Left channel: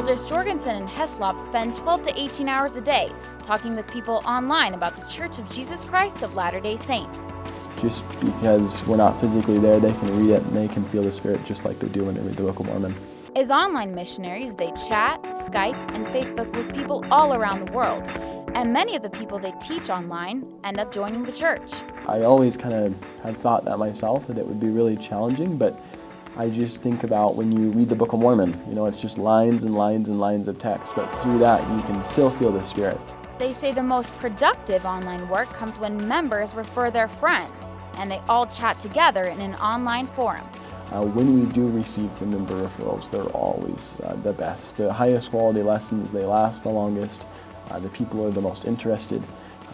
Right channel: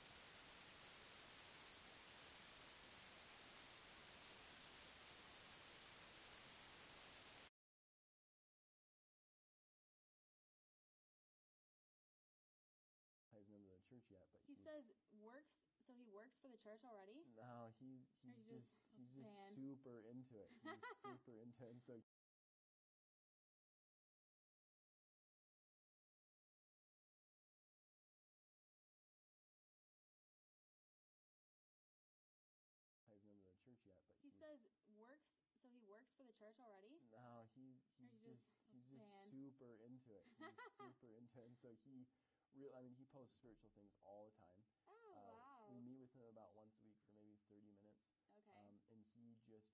Elders Jorgensen and Heslop spend 12 to 18 hours a day talking with people online about the Church of Jesus Christ of Latter-day Saints. Just because we're not physically there, they can read it and they can feel the Spirit just like they do when they read the Book of Mormon. As online missionaries, they chat, Skype, and Facebook with people all around the world. And many of the people they teach online end up joining the church. I always kind of had thought that myself, that it would be really challenging, but I just think about when you read the Book of Mormon, you know, it's just lines and lines and lines of text, but through that you can still feel the Spirit. They say the most productive online work comes when members refer their friends, and they all chat together in an online forum. When we do receive the member referrals, they're always the best. The highest quality lessons, they last the longest, the people are the most interested,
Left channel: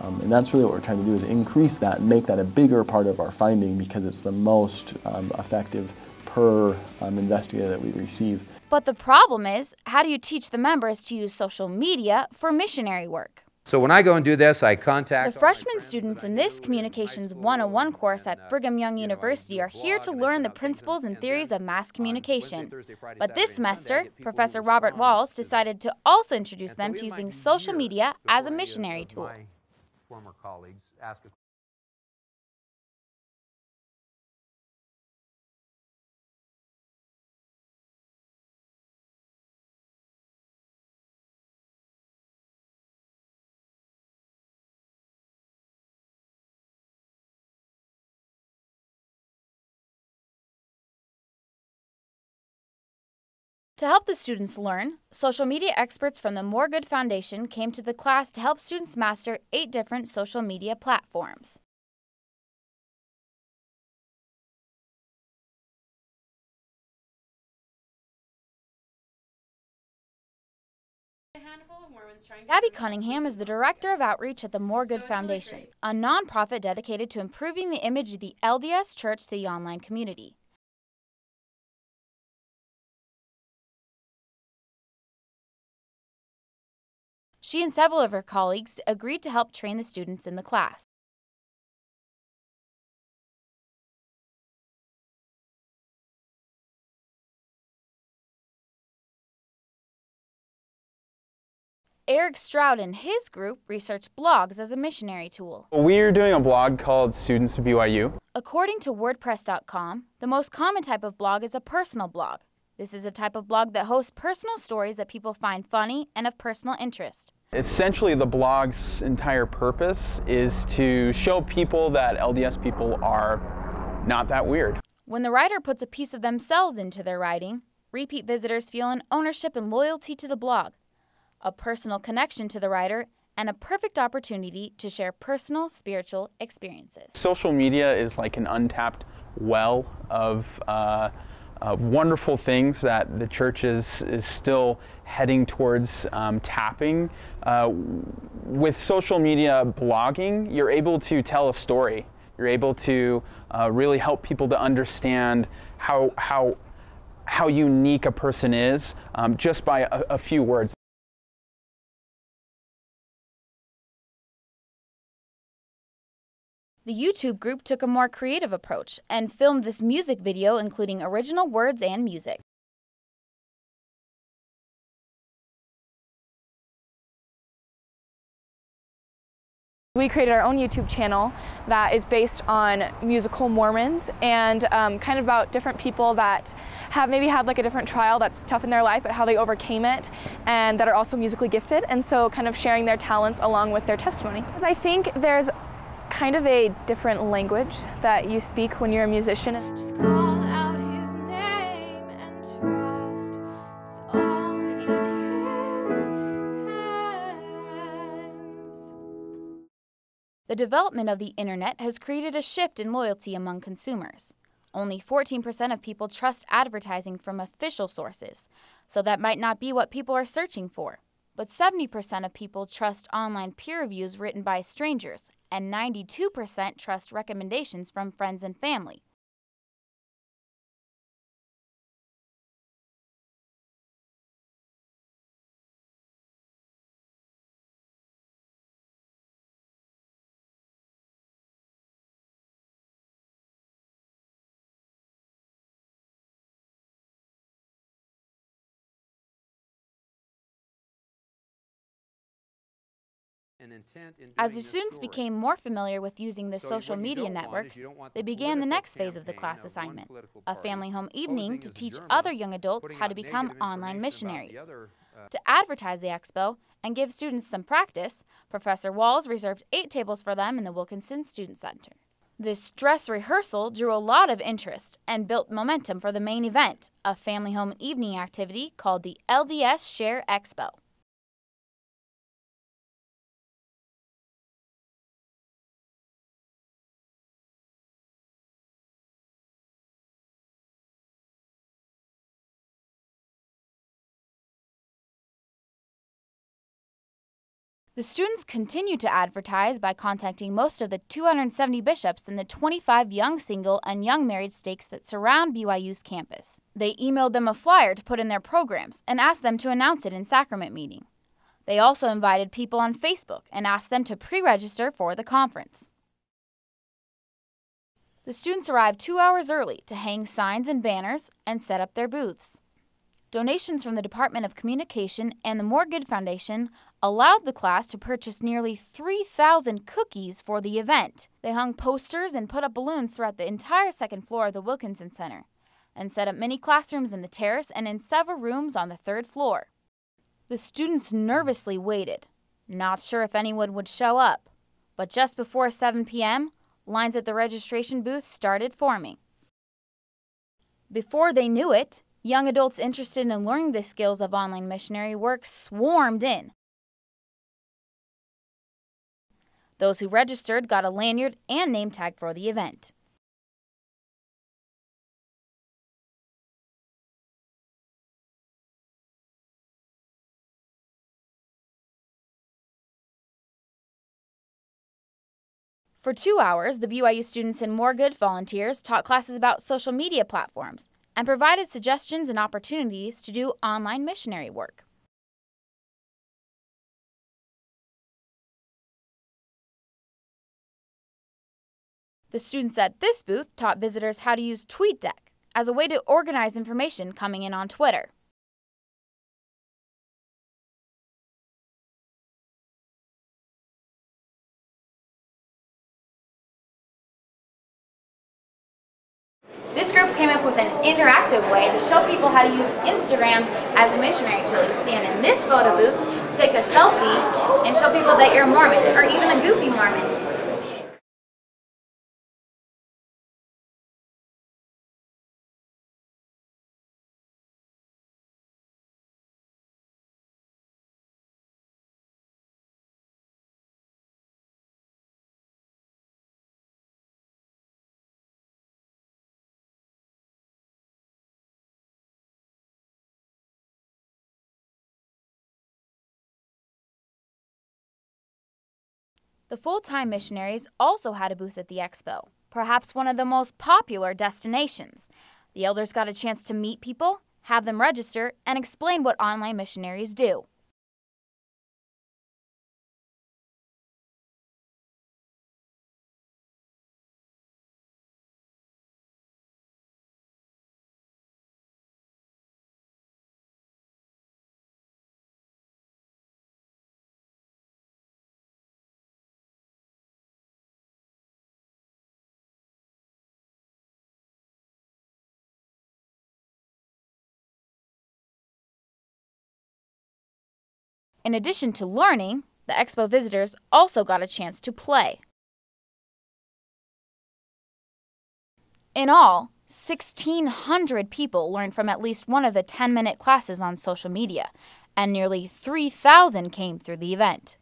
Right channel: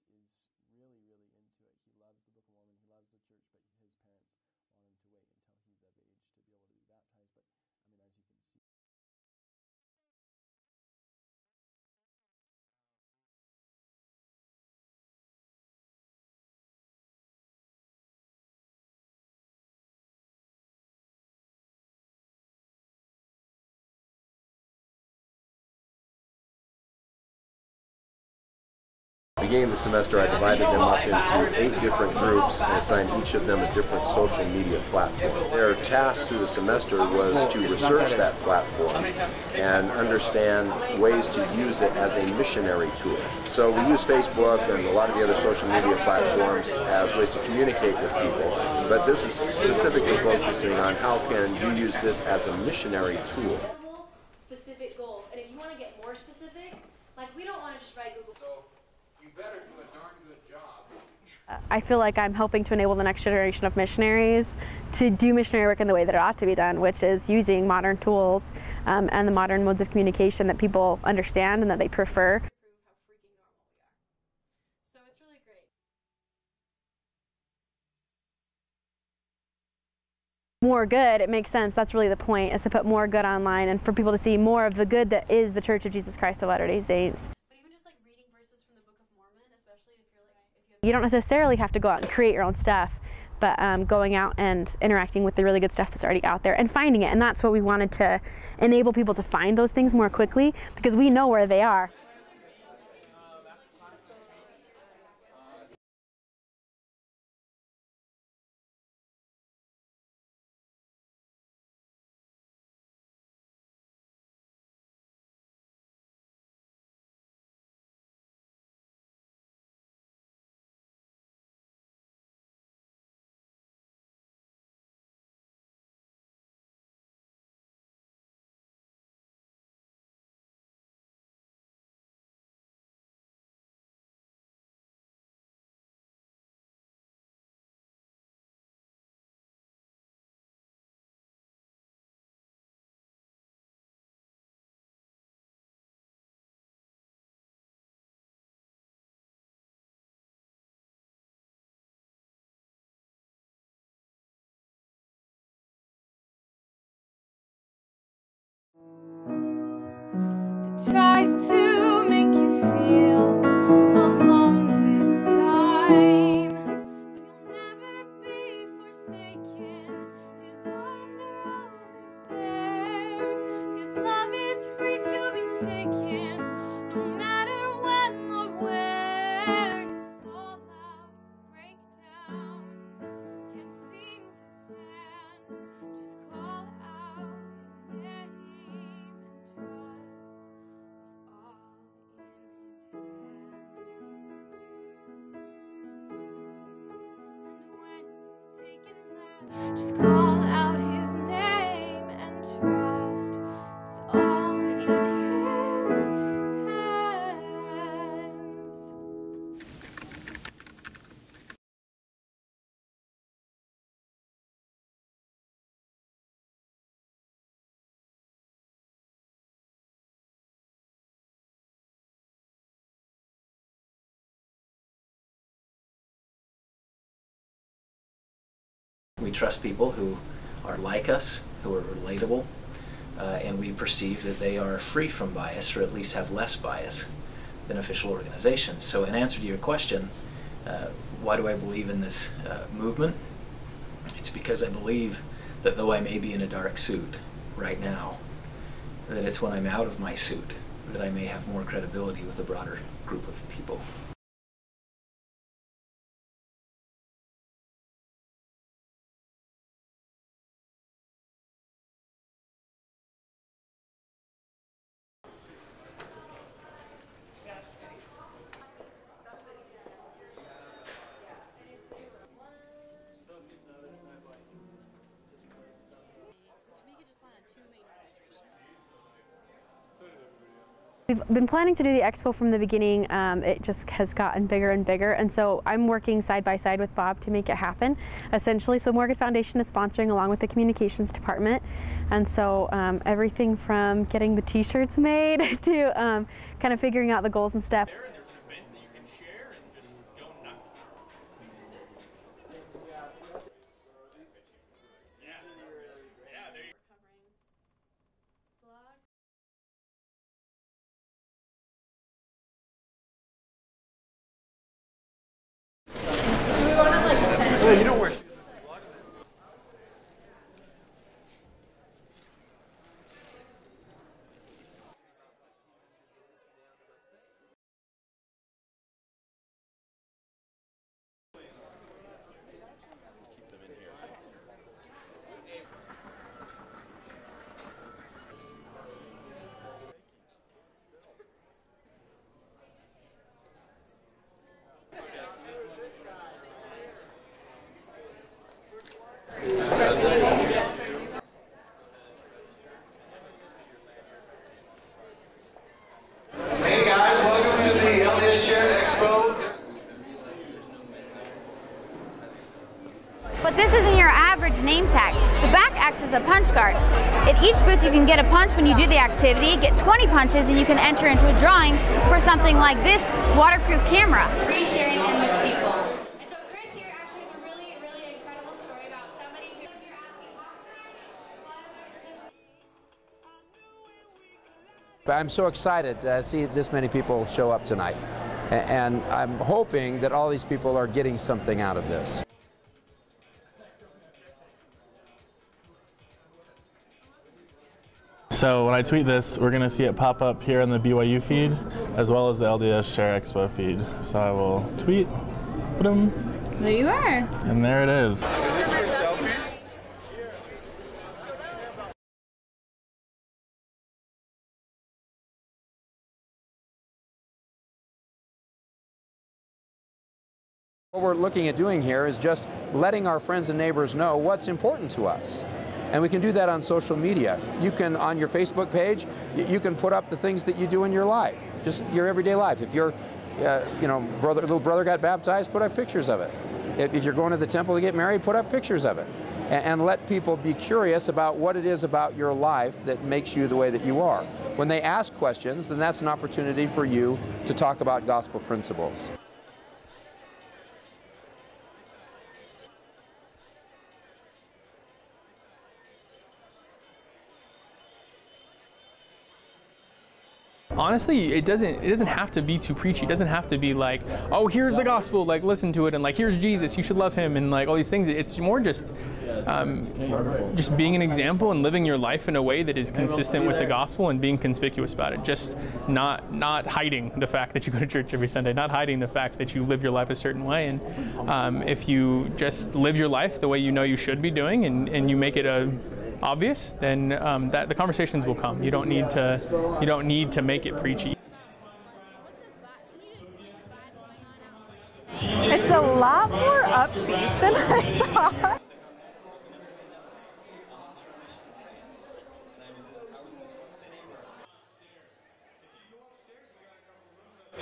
and that's really what we're trying to do, is increase that and make that a bigger part of our finding, because it's the most effective per investigator that we receive. But the problem is, how do you teach the members to use social media for missionary work? So when I go and do this, I contact the freshman students in this Communications 101 course at Brigham Young University are here to learn the principles and theories of mass communication. But this semester, Professor Robert Walls decided to also introduce them to using social media as a missionary tool. Beginning of the semester, I divided them up into 8 different groups and assigned each of them a different social media platform. Their task through the semester was to research that platform and understand ways to use it as a missionary tool. So we use Facebook and a lot of the other social media platforms as ways to communicate with people, but this is specifically focusing on how can you use this as a missionary tool. To help the students learn, social media experts from the More Good Foundation came to the class to help students master 8 different social media platforms. I feel like I'm helping to enable the next generation of missionaries to do missionary work in the way that it ought to be done, which is using modern tools and the modern modes of communication that people understand and that they prefer. Gabby Cunningham is the Director of Outreach at the More Good Foundation, a nonprofit dedicated to improving the image of the LDS Church to the online community. More good, it makes sense. That's really the point, is to put more good online and for people to see more of the good that is the Church of Jesus Christ of Latter-day Saints. She and several of her colleagues agreed to help train the students in the class. You don't necessarily have to go out and create your own stuff, but going out and interacting with the really good stuff that's already out there and finding it. And that's what we wanted to enable people to find those things more quickly, because we know where they are. Eric Stroud and his group researched blogs as a missionary tool. We're doing a blog called Students of BYU. According to WordPress.com, the most common type of blog is a personal blog. This is a type of blog that hosts personal stories that people find funny and of personal interest. Essentially, the blog's entire purpose is to show people that LDS people are not that weird. When the writer puts a piece of themselves into their writing, repeat visitors feel an ownership and loyalty to the blog, a personal connection to the writer, and a perfect opportunity to share personal spiritual experiences. Social media is like an untapped well of wonderful things that the church is still heading towards tapping. With social media blogging, you're able to tell a story. You're able to really help people to understand how unique a person is just by a few words. Tries to make you feel alone this time. The YouTube group took a more creative approach and filmed this music video, including original words and music. His love is free to be taken, no matter when or where. We created our own YouTube channel that is based on musical Mormons and kind of about different people that have maybe had like a different trial that's tough in their life, but how they overcame it, and that are also musically gifted, and so kind of sharing their talents along with their testimony. Because I think there's kind of a different language that you speak when you're a musician. Just call out his name and trust it's all in his hands. The development of the internet has created a shift in loyalty among consumers. Only 14% of people trust advertising from official sources, so that might not be what people are searching for. But 70% of people trust online peer reviews written by strangers, and 92% trust recommendations from friends and family. We trust people who are like us, who are relatable, and we perceive that they are free from bias, or at least have less bias than official organizations. So in answer to your question, why do I believe in this movement? It's because I believe that though I may be in a dark suit right now, that it's when I'm out of my suit that I may have more credibility with a broader group of people. As the students became more familiar with using the social media networks, they began the next phase of the class assignment, a family home evening to teach other young adults how to become online missionaries. To advertise the expo and give students some practice, Professor Walls reserved 8 tables for them in the Wilkinson Student Center. This dress rehearsal drew a lot of interest and built momentum for the main event, a family home evening activity called the LDS Share Expo. We've been planning to do the expo from the beginning. It just has gotten bigger and bigger, and so I'm working side by side with Bob to make it happen, essentially. So Morgan Foundation is sponsoring along with the communications department, and so everything from getting the t-shirts made to kind of figuring out the goals and stuff. The students continue to advertise by contacting most of the 270 bishops in the 25 young single and young married stakes that surround BYU's campus. They emailed them a flyer to put in their programs and asked them to announce it in sacrament meeting. They also invited people on Facebook and asked them to pre-register for the conference. The students arrived 2 hours early to hang signs and banners and set up their booths. Donations from the Department of Communication and the Morgood Foundation allowed the class to purchase nearly 3,000 cookies for the event. They hung posters and put up balloons throughout the entire second floor of the Wilkinson Center and set up mini classrooms in the terrace and in several rooms on the 3rd floor. The students nervously waited, not sure if anyone would show up, but just before 7 p.m., lines at the registration booth started forming. Before they knew it, young adults interested in learning the skills of online missionary work swarmed in. Hey guys, welcome to the LDS Share Expo. Those who registered got a lanyard and name tag for the event. But this isn't your average name tag. The back acts as a punch card. At each booth you can get a punch when you do the activity, get 20 punches, and you can enter into a drawing for something like this waterproof camera. Resharing it with people. For 2 hours, the BYU students and Morgood volunteers taught classes about social media platforms and provided suggestions and opportunities to do online missionary work. I'm so excited to see this many people show up tonight. And I'm hoping that all these people are getting something out of this. The students at this booth taught visitors how to use TweetDeck as a way to organize information coming in on Twitter. So when I tweet this, we're going to see it pop up here in the BYU feed, as well as the LDS Share Expo feed. So I will tweet, boom. There you are. And there it is. Is this your selfies? This group came up with an interactive way to show people how to use Instagram as a missionary tool. You stand in this photo booth, take a selfie, and show people that you're Mormon, or even a goofy Mormon. What we're looking at doing here is just letting our friends and neighbors know what's important to us. And we can do that on social media. You can, on your Facebook page, you can put up the things that you do in your life, just your everyday life. If your little brother got baptized, put up pictures of it. If you're going to the temple to get married, put up pictures of it. And let people be curious about what it is about your life that makes you the way that you are. When they ask questions, then that's an opportunity for you to talk about gospel principles. The full-time missionaries also had a booth at the expo, perhaps one of the most popular destinations. The elders got a chance to meet people, have them register, and explain what online missionaries do. Honestly, it doesn't have to be too preachy. It doesn't have to be like, oh, here's the gospel, like listen to it, and like here's Jesus, you should love him, and like all these things. It's more just being an example and living your life in a way that is consistent with the gospel and being conspicuous about it. Just not hiding the fact that you go to church every Sunday, not hiding the fact that you live your life a certain way. And if you just live your life the way you know you should be doing, and you make it obvious, then the conversations will come. You don't need to make it preachy. In addition to learning, the expo visitors also got a chance to play. It's a lot more upbeat than I thought. In all, 1,600 people learned from at least one of the 10-minute classes on social media, and nearly 3,000 came through the event.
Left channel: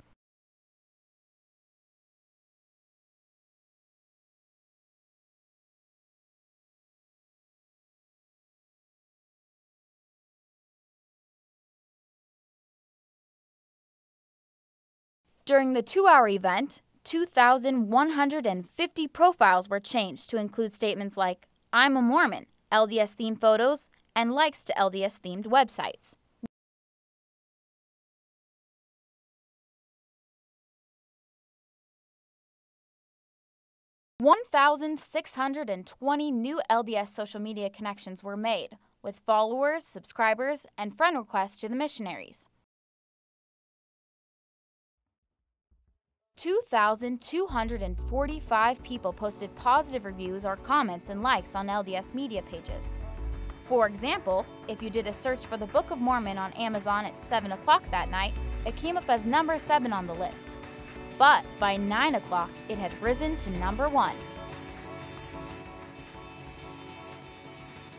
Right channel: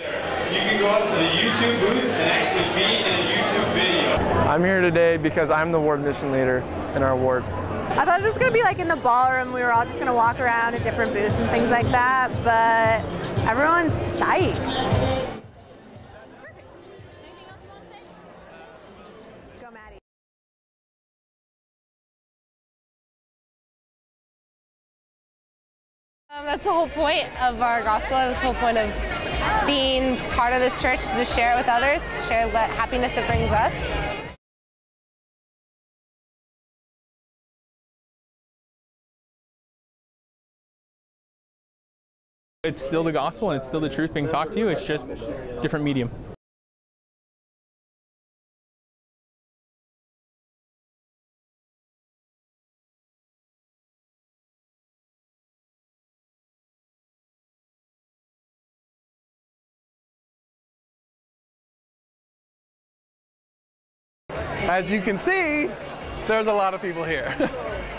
You can go up to the YouTube booth and actually be in a YouTube video. I'm here today because I'm the ward mission leader in our ward. I thought it was going to be like in the ballroom. We were all just going to walk around at different booths and things like that, but everyone's psyched. During the 2-hour event, 2,150 profiles were changed to include statements like, I'm a Mormon, LDS-themed photos, and likes to LDS-themed websites. That's the whole point of our gospel. That's the whole point of being part of this church, to share it with others, share the happiness it brings us. 1,620 new LDS social media connections were made, with followers, subscribers, and friend requests to the missionaries. It's still the gospel and it's still the truth being talked to you. It's just different medium. 2,245 people posted positive reviews or comments and likes on LDS media pages. For example, if you did a search for the Book of Mormon on Amazon at 7 o'clock that night, it came up as number 7 on the list. But by 9 o'clock, it had risen to number 1. As you can see, there's a lot of people here.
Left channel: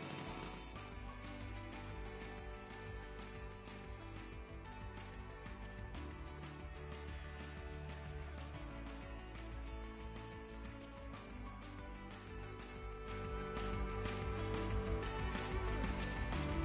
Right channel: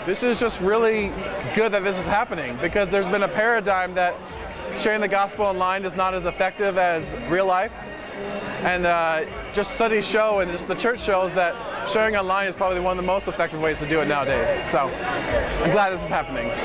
This is just really good that this is happening, because there's been a paradigm that sharing the gospel online is not as effective as real life. And just studies show, and just the church shows, that sharing online is probably one of the most effective ways to do it nowadays. So I'm glad this is happening. 1,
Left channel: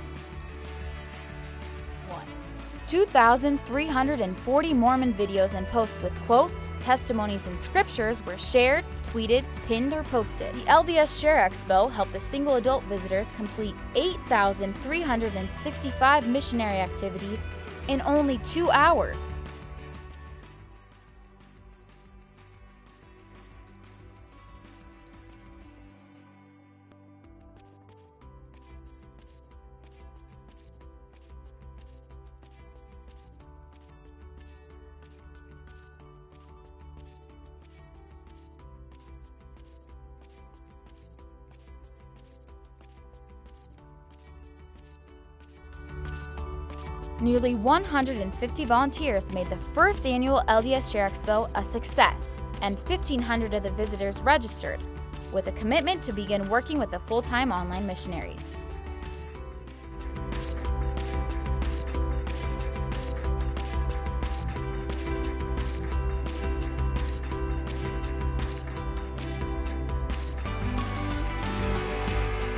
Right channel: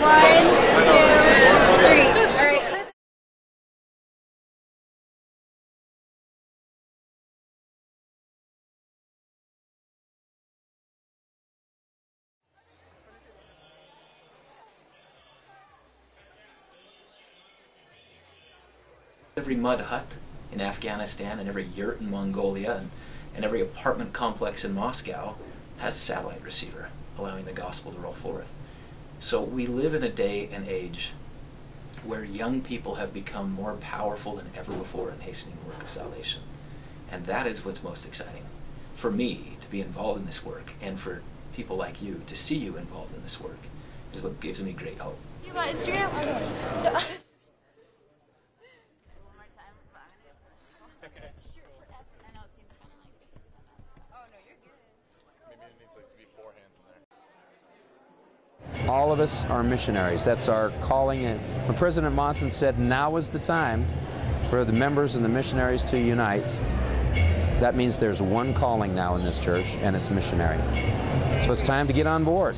2, 3. 2,340 Mormon videos and posts with quotes, testimonies, and scriptures were shared, tweeted, pinned, or posted. The LDS Share Expo helped the single adult visitors complete 8,365 missionary activities in only 2 hours. Every mud hut in Afghanistan and every yurt in Mongolia and every apartment complex in Moscow has a satellite receiver, allowing the gospel to roll forth. So we live in a day and age where young people have become more powerful than ever before in hastening the work of salvation. And that is what's most exciting. For me to be involved in this work, and for people like you to see you involved in this work, is what gives me great hope. Nearly 150 volunteers made the first annual LDS Share Expo a success, and 1,500 of the visitors registered, with a commitment to begin working with the full-time online missionaries. All of us are missionaries. That's our calling. And when President Monson said now is the time for the members and the missionaries to unite, that means there's one calling now in this church, and it's missionary. So it's time to get on board.